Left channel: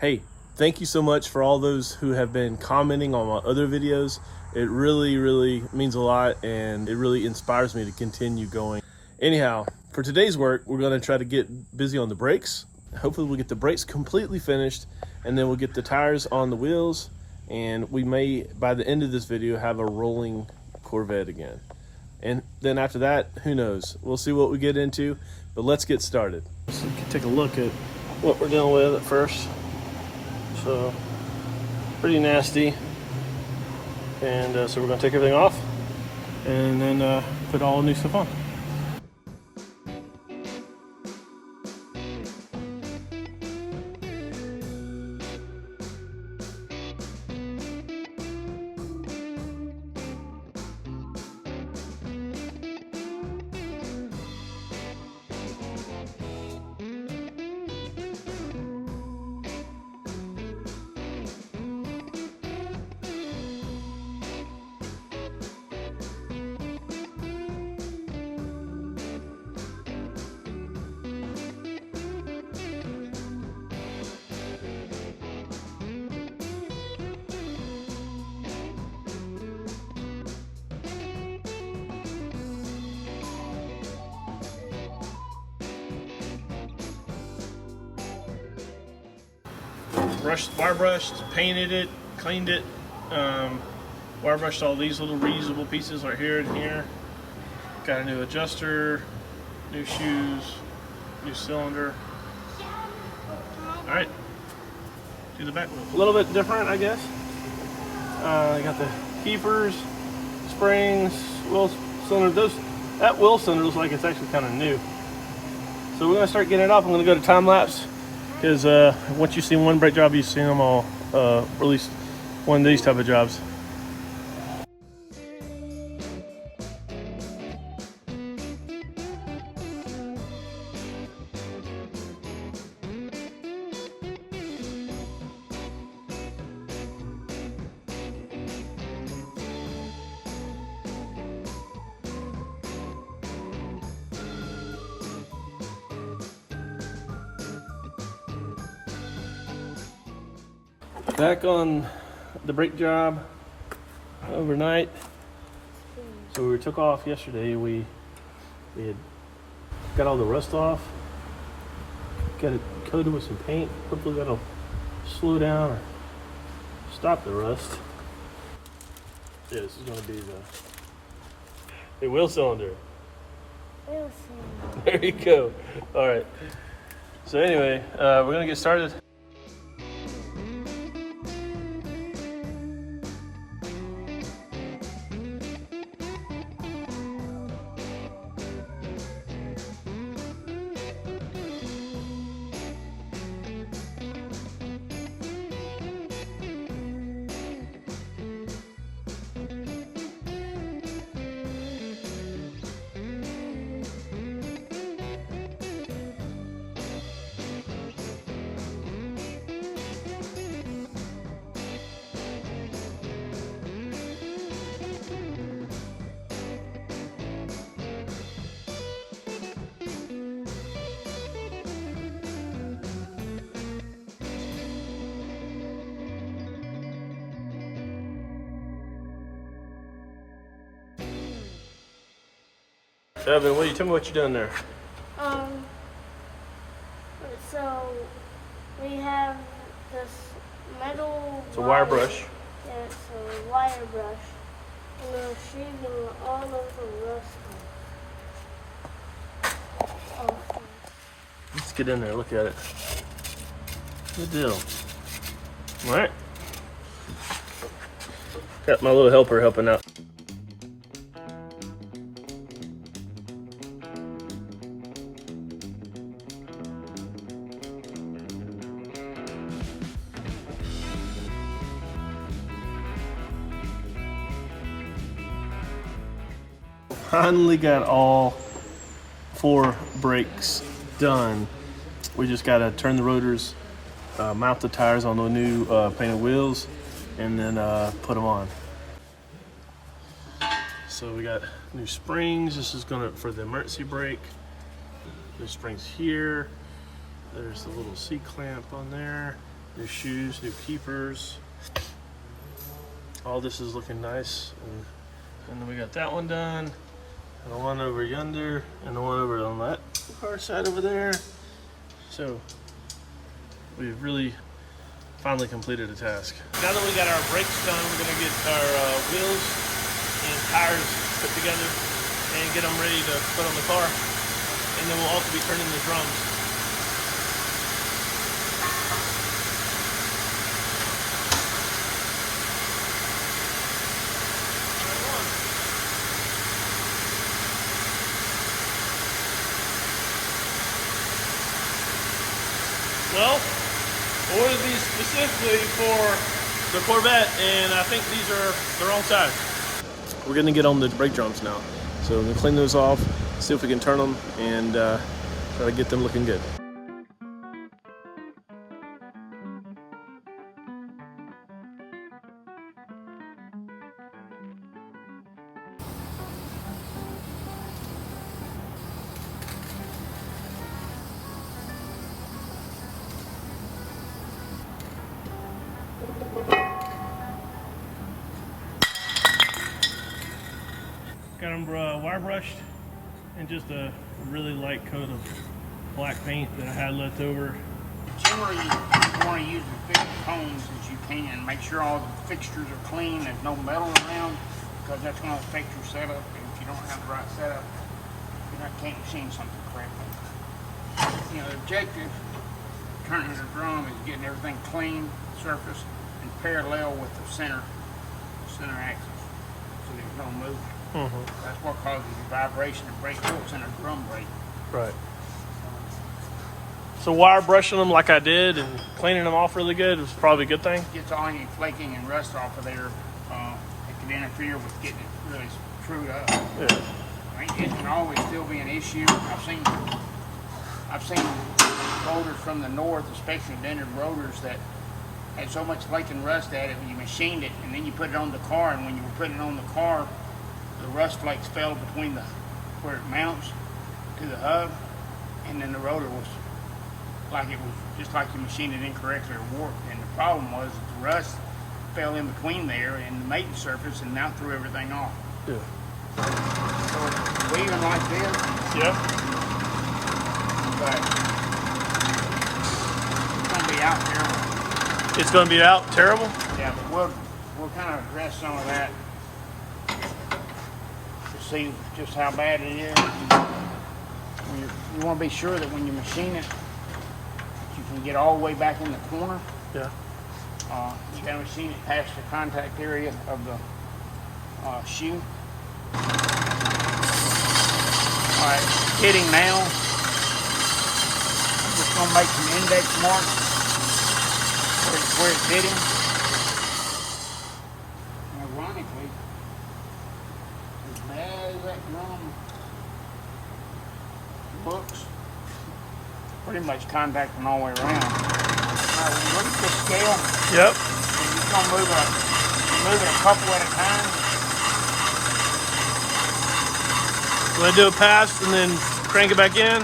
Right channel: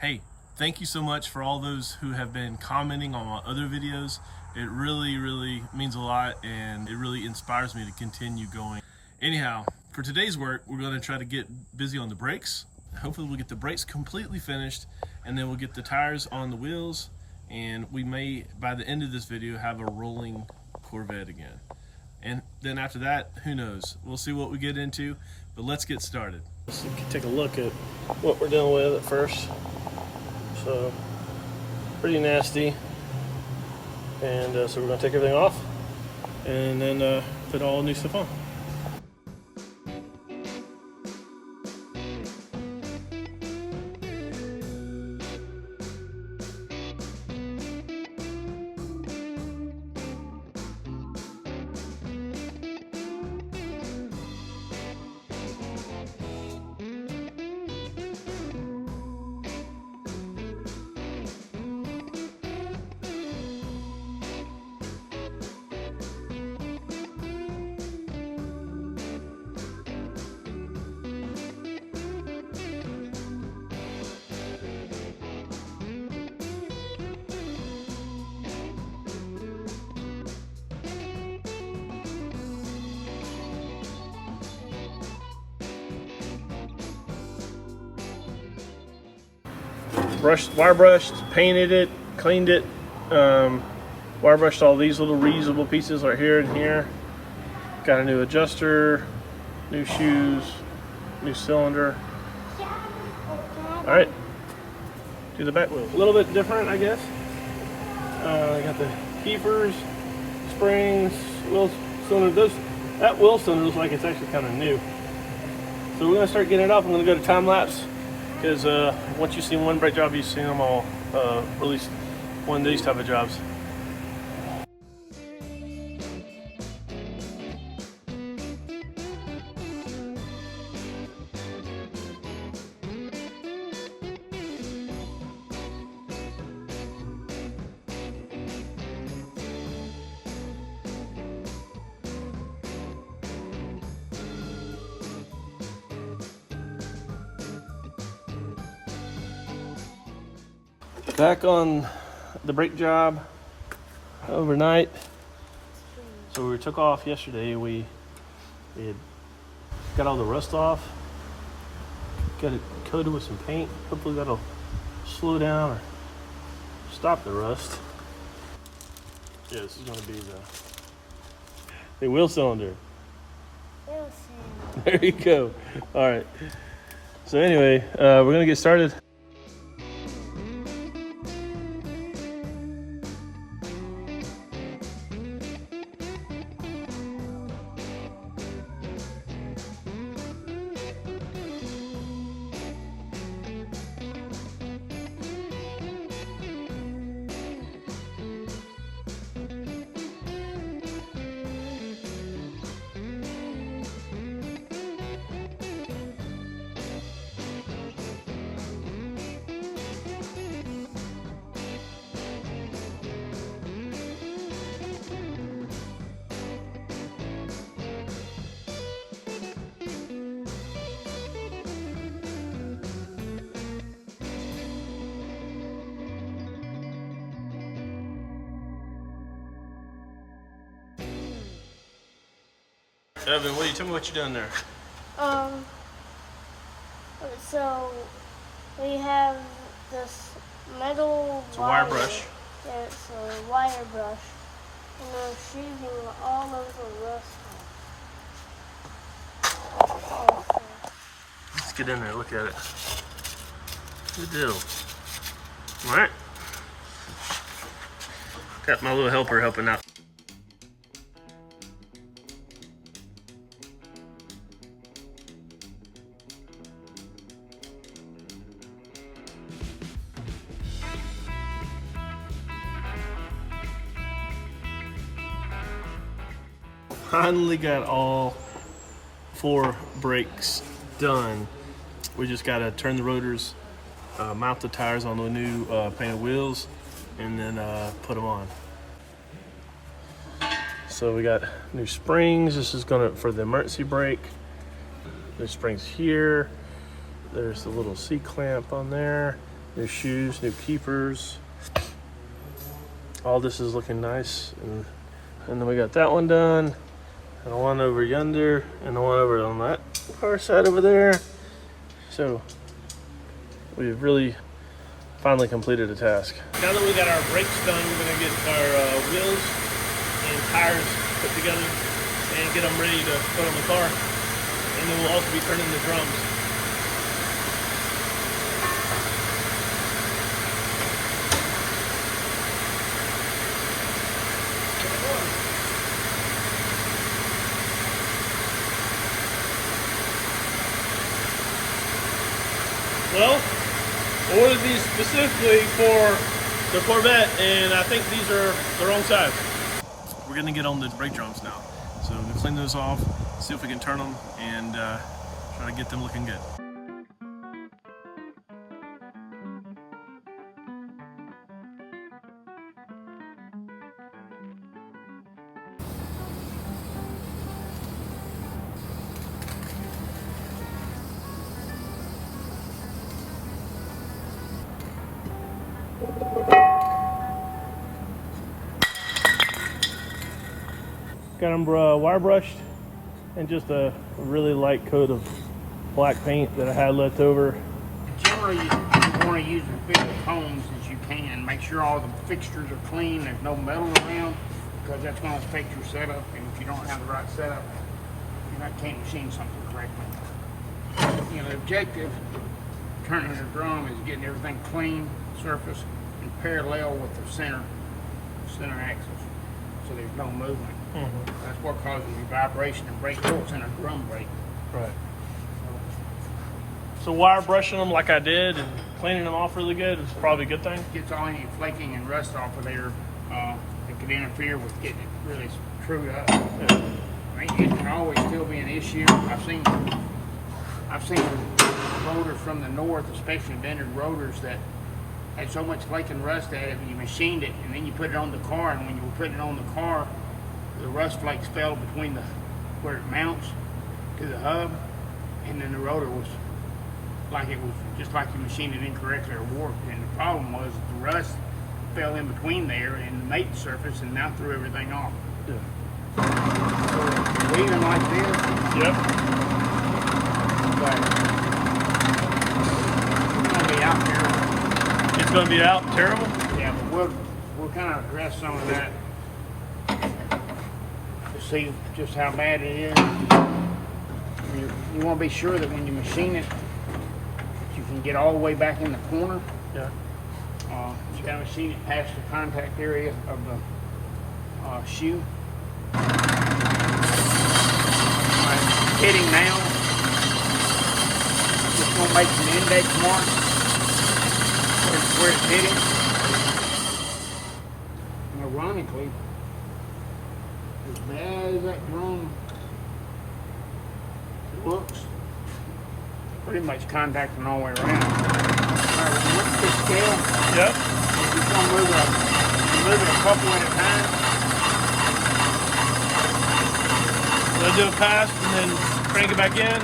Hey, thank you so much for all those who have been commenting on my other videos. It really means a lot, and it really inspires me to continue going. Anyhow, for today's work, we're gonna try to get busy on the brakes. Hopefully we'll get the brakes completely finished, and then we'll get the tires on the wheels, and we may, by the end of this video, have a rolling Corvette again. And then after that, who knows? We'll see what we get into, but let's get started. Let's take a look at what we're dealing with at first. So, pretty nasty. And so we're gonna take everything off and then put all the new stuff on. Wire brushed, painted it, cleaned it, wire brushed all these little reusable pieces right here and here. Got a new adjuster, new shoes, new cylinder. All right, do the back wheel. A little bit different, I guess. I got the Keefers, springs, wheel cylinder. That wheel cylinder looks like it's actually kind of new. So we're gonna start getting it off. I'm gonna go to time lapse. Because once you see one brake job, you've seen them all, or at least one of these type of jobs. Back on the brake job overnight. So we took off yesterday. We had got all the rust off, got it coated with some paint. Hopefully that'll slow down or stop the rust. Yeah, this is going to be the wheel cylinder. Wheel cylinder. There you go. All right. So anyway, we're going to get started. Evan, tell me what you done there. So we have this metal. It's a wire brush. Yeah, it's a wire brush. And we're shaving all of the rust off. Let's get in there, look at it. Good deal. All right. Got my little helper helping out. Finally got all 4 brakes done. We just got to turn the rotors, mount the tires on the new painted wheels, and then put them on. So we got new springs. This is gonna for the emergency brake. The springs here. There's a little C-clamp on there. New shoes, new keepers. All this is looking nice. And then we got that one done. And the one over yonder. And the one over on that far side over there. So we've really finally completed a task. Now that we got our brakes done, we're gonna get our wheels and tires put together and get them ready to put on the car. And then we'll also be turning the drums. Well, I ordered these specifically for the Corvette, and I think these are the wrong size. We're gonna get on the brake drums now. So we're gonna clean those off, see if we can turn them, and try to get them looking good. Got them wire brushed and just a really light coat of black paint that I had left over. Generally, you want to use as big cones as you can. Make sure all the fixtures are clean, there's no metal around, because that's going to affect your setup, and if you don't have the right setup, you can't machine something correctly. You know, the objective, turning the drum, is getting everything clean, surface, and parallel with the center axis, so there's no movement. That's what causes your vibration and brake bolts in a drum brake. Right. So wire brushing them like I did and cleaning them off really good is probably a good thing. Gets all any flaking and rust off of there. It could interfere with getting it really screwed up. Yeah. I mean, it can always still be an issue. I've seen rotors from the north, especially vintage rotors, that had so much flake and rust at it, and you machined it, and then you put it on the car, and when you were putting it on the car, the rust flakes fell between where it mounts to the hub, and then the rotor was just like you machined it incorrectly or warped. And the problem was that the rust fell in between there and the mating surface, and now threw everything off. Yeah. So weaving like this. Yep. It's gonna be out terrible. Yeah, but we'll kind of address some of that. See just how bad it is. You want to be sure that when you machine it, you can get all the way back in the corner. Yeah. You got to machine it past the contact area of the shoe. Hitting now. Just going to make some index marks where it's hitting. And ironically, as bad as that drum looks, pretty much contacting all the way around. Alright, when you look at the scale, yep. you're just going to move it a couple at a time. So I do a pass and then crank it back in,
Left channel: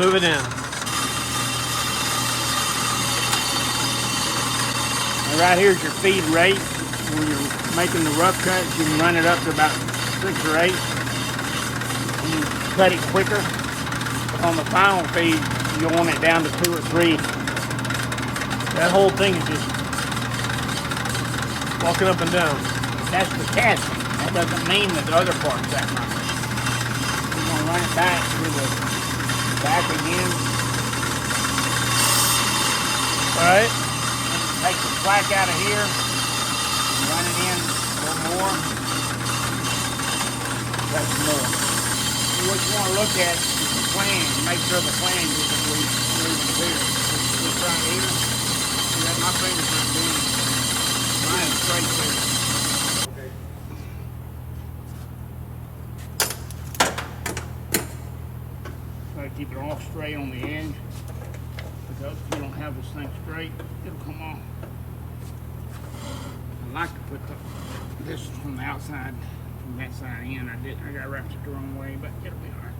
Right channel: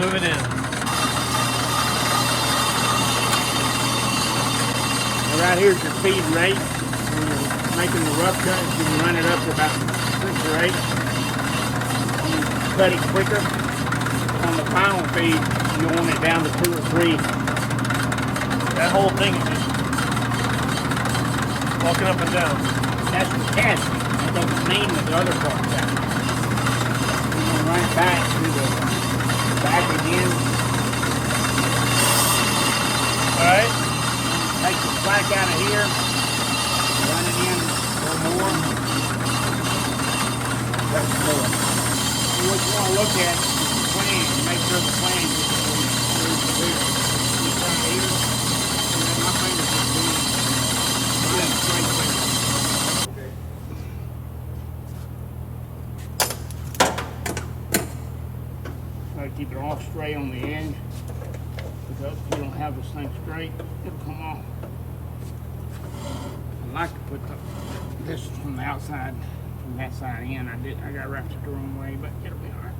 move it in. Now right here's your feed rate. When you're making the rough cuts, you can run it up to about 6 or 8. You cut it quicker. On the final feed, you want it down to 2 or 3. That whole thing is just walking up and down. That's the casting. That doesn't mean that the other part's out. You're going to run it back through the back again. Alright. Take the slack out of here. Run it in a little more. That's more. What you want to look at is the flange. Make sure the flange is clear. This right here. See, my fingers are doing mine straight clear. Try to keep it all straight on the edge, because if you don't have this thing straight, it'll come off. I like to put this from the outside, from that side in. I got wrapped the wrong way, but it'll be all right.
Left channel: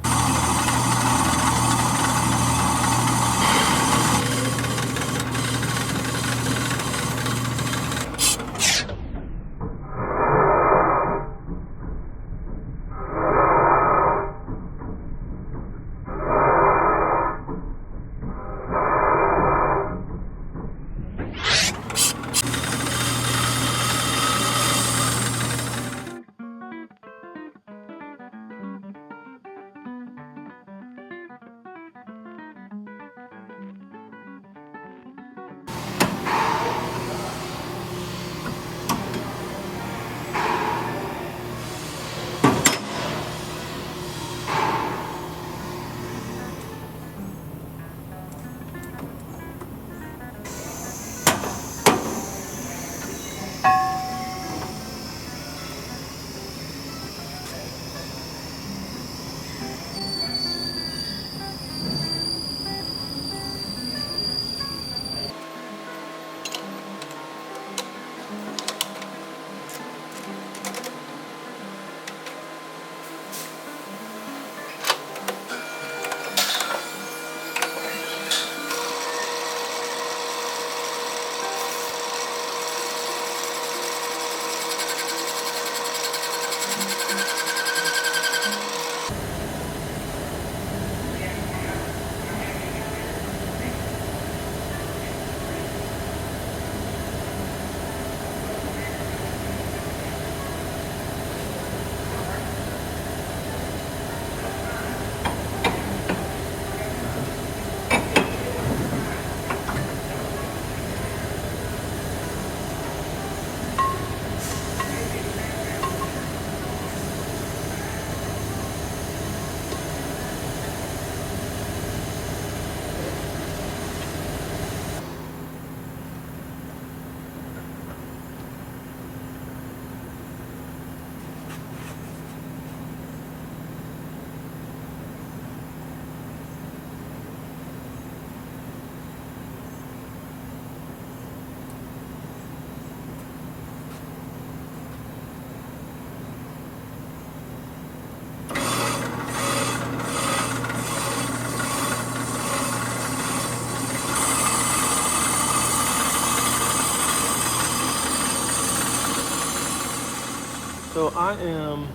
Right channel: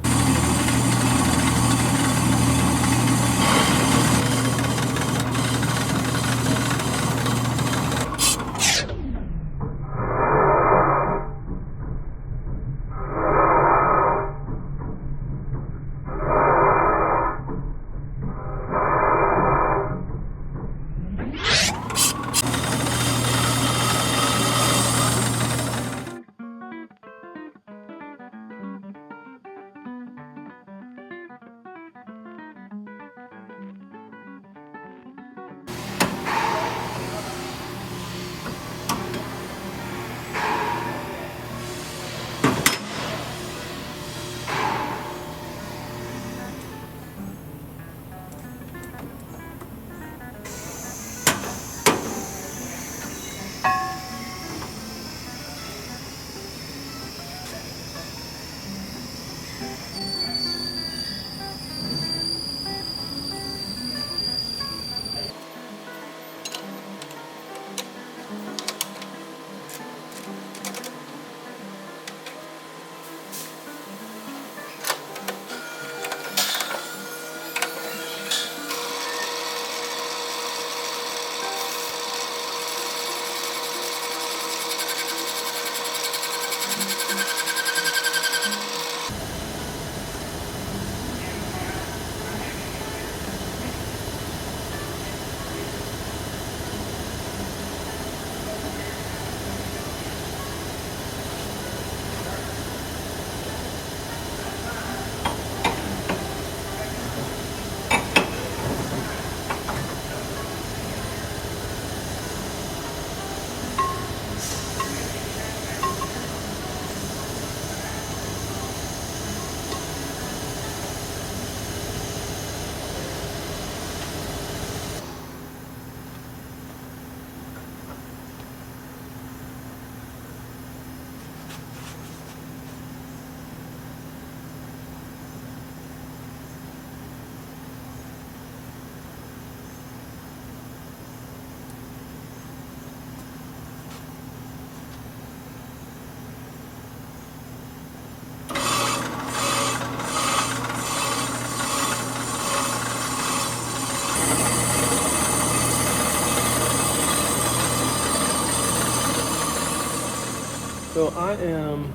So I am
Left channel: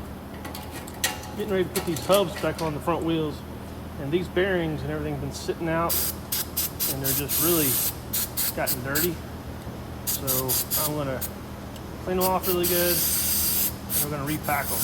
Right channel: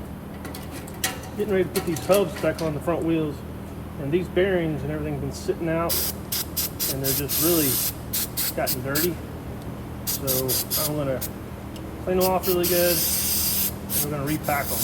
getting ready to put these hubs back on the front wheels, and these bearings and everything's been sitting out and they're just really gotten dirty. So I'm gonna clean them off really good and we're gonna repack them.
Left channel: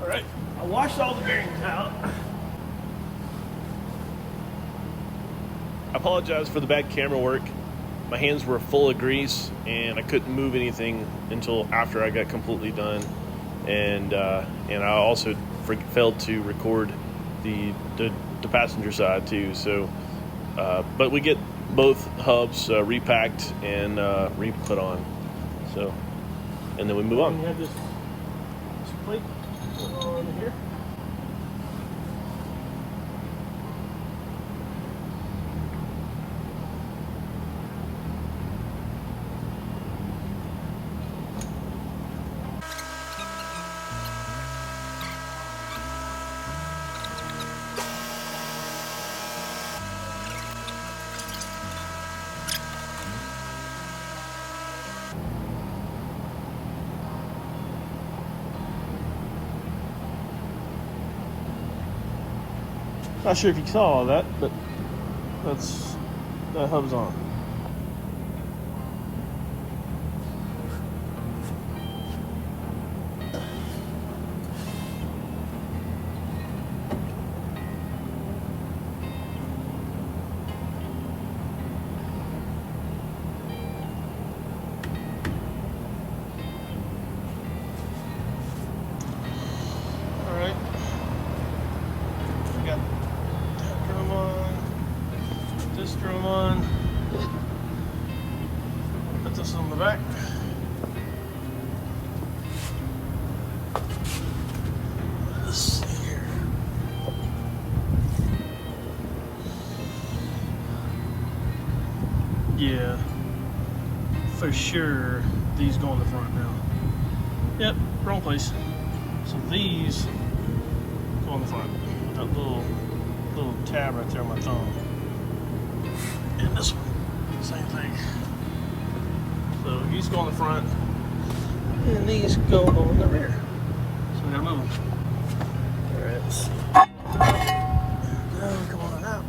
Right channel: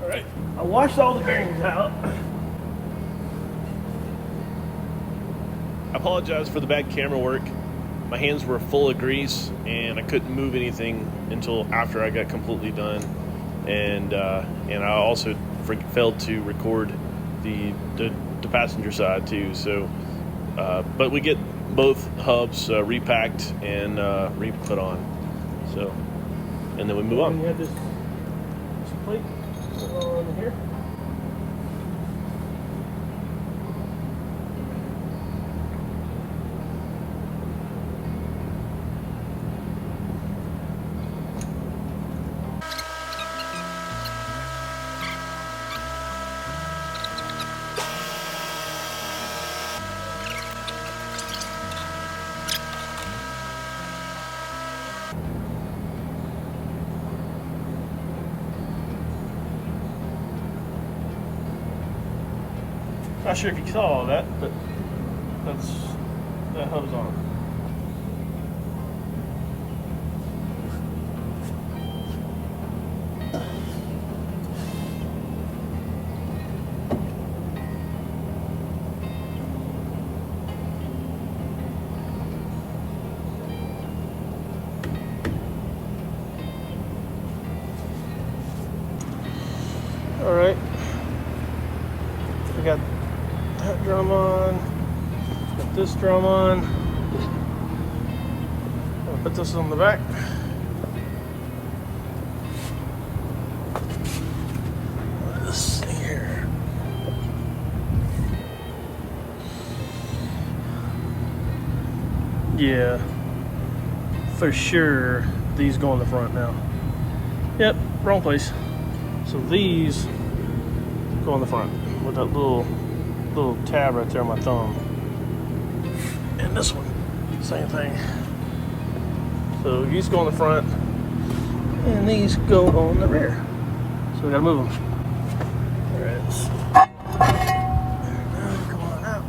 All right, I washed all the bearings out. I apologize for the bad camera work. My hands were full of grease and I couldn't move anything until after I got completely done. And I also failed to record the passenger side too. So, but we get both hubs repacked and re-put on. So, and then we move on. We have this plate on here. Not sure if you saw all that, but that hub's on. All right, we got that drum on, put this drum on, and put this on the back. This thing here. Yeah, for sure these go in the front now. Yep, wrong place. So these go in the front with that little tab right there on my thumb. And this one, same thing. So these go on the front and these go on the rear. So we gotta move them. There it is. And then come on out.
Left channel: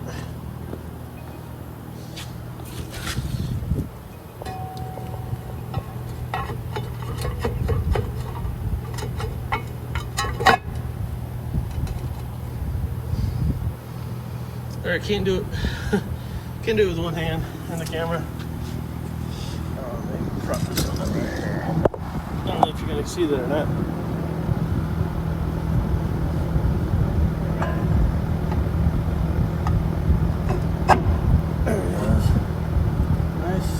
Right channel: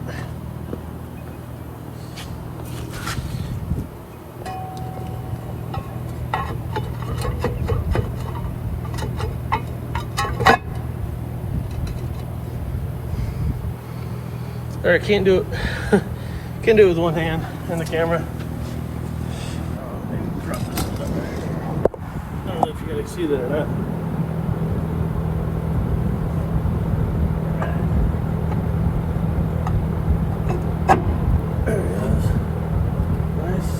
All right, can't do it. Can't do it with one hand in the camera. I don't know if you're gonna see that or not. There it is. Nice.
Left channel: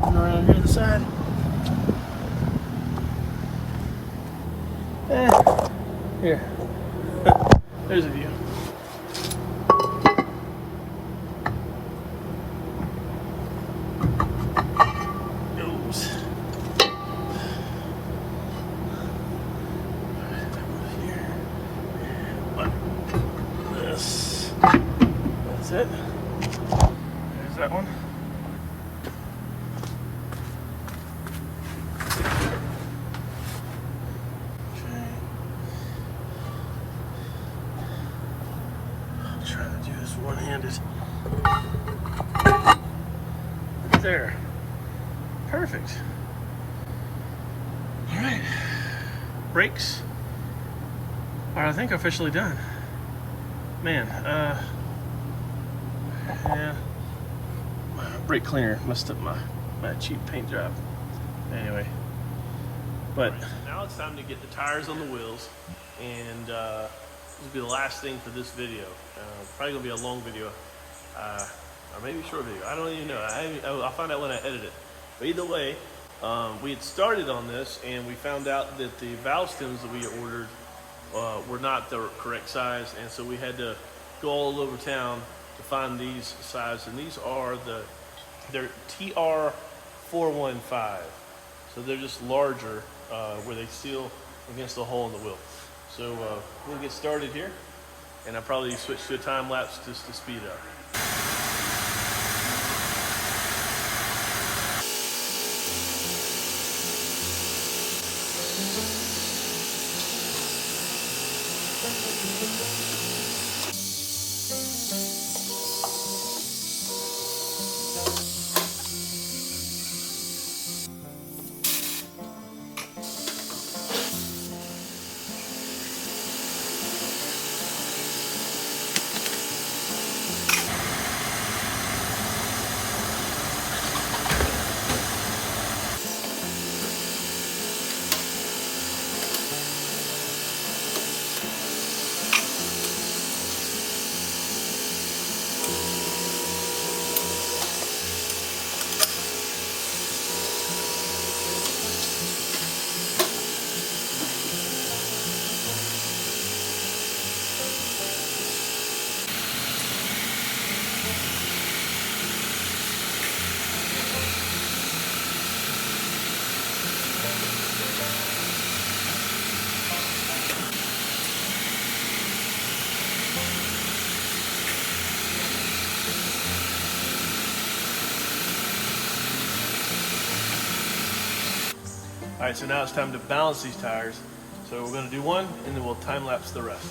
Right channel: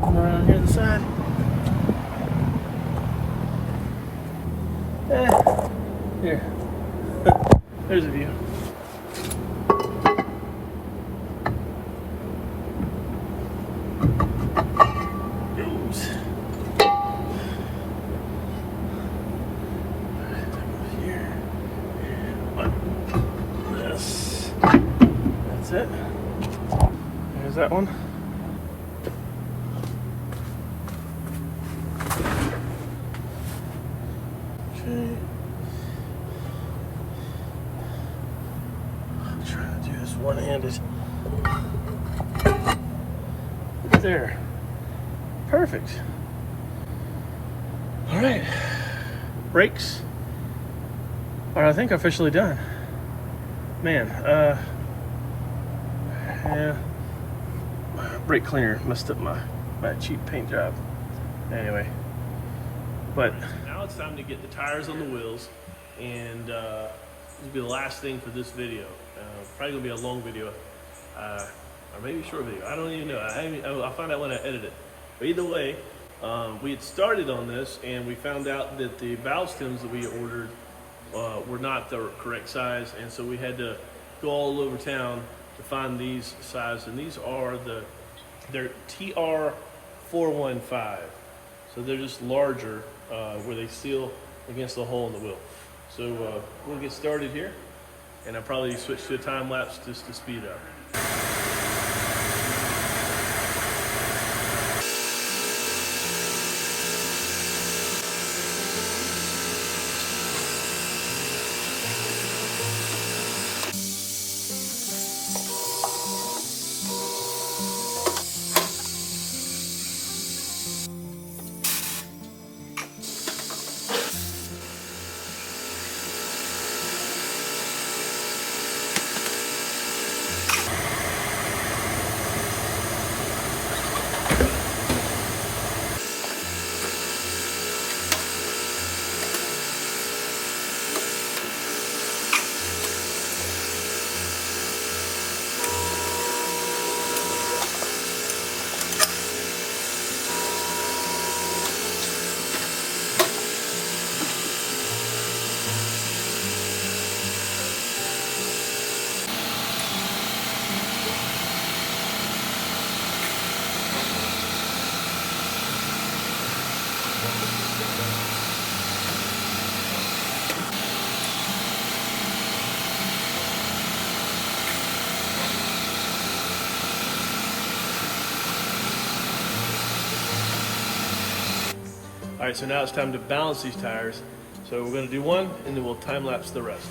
Come around here to the side. Here. There's a view. It. There's that one. Okay. I'm trying to do this one-handed. There. Perfect. All right. Brakes are, I think, officially done. Man, yeah, brake cleaner messed up my cheap paint job. Anyway, but now it's time to get the tires on the wheels, and this will be the last thing for this video. Probably gonna be a long video, or maybe a short video. I don't even know. I'll find out when I edit it. But either way, we had started on this, and we found out that the valve stems that we ordered were not the correct size, and so we had to go all over town to find these size, and these are the They're TR415. So they're just larger where they seal against the hole in the wheel. So we'll get started here, and I'll probably switch to a time lapse just to speed up. All right, so now it's time to balance these tires. So we're gonna do one, and then we'll time lapse the rest.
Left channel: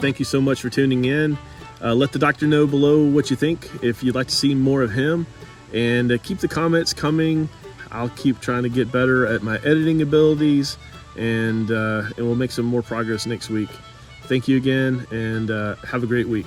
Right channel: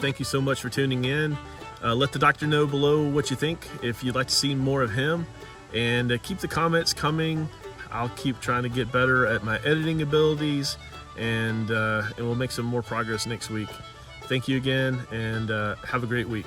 Thank you so much for tuning in. Let the doctor know below what you think, if you'd like to see more of him, and keep the comments coming. I'll keep trying to get better at my editing abilities, and we'll make some more progress next week. Thank you again, and have a great week.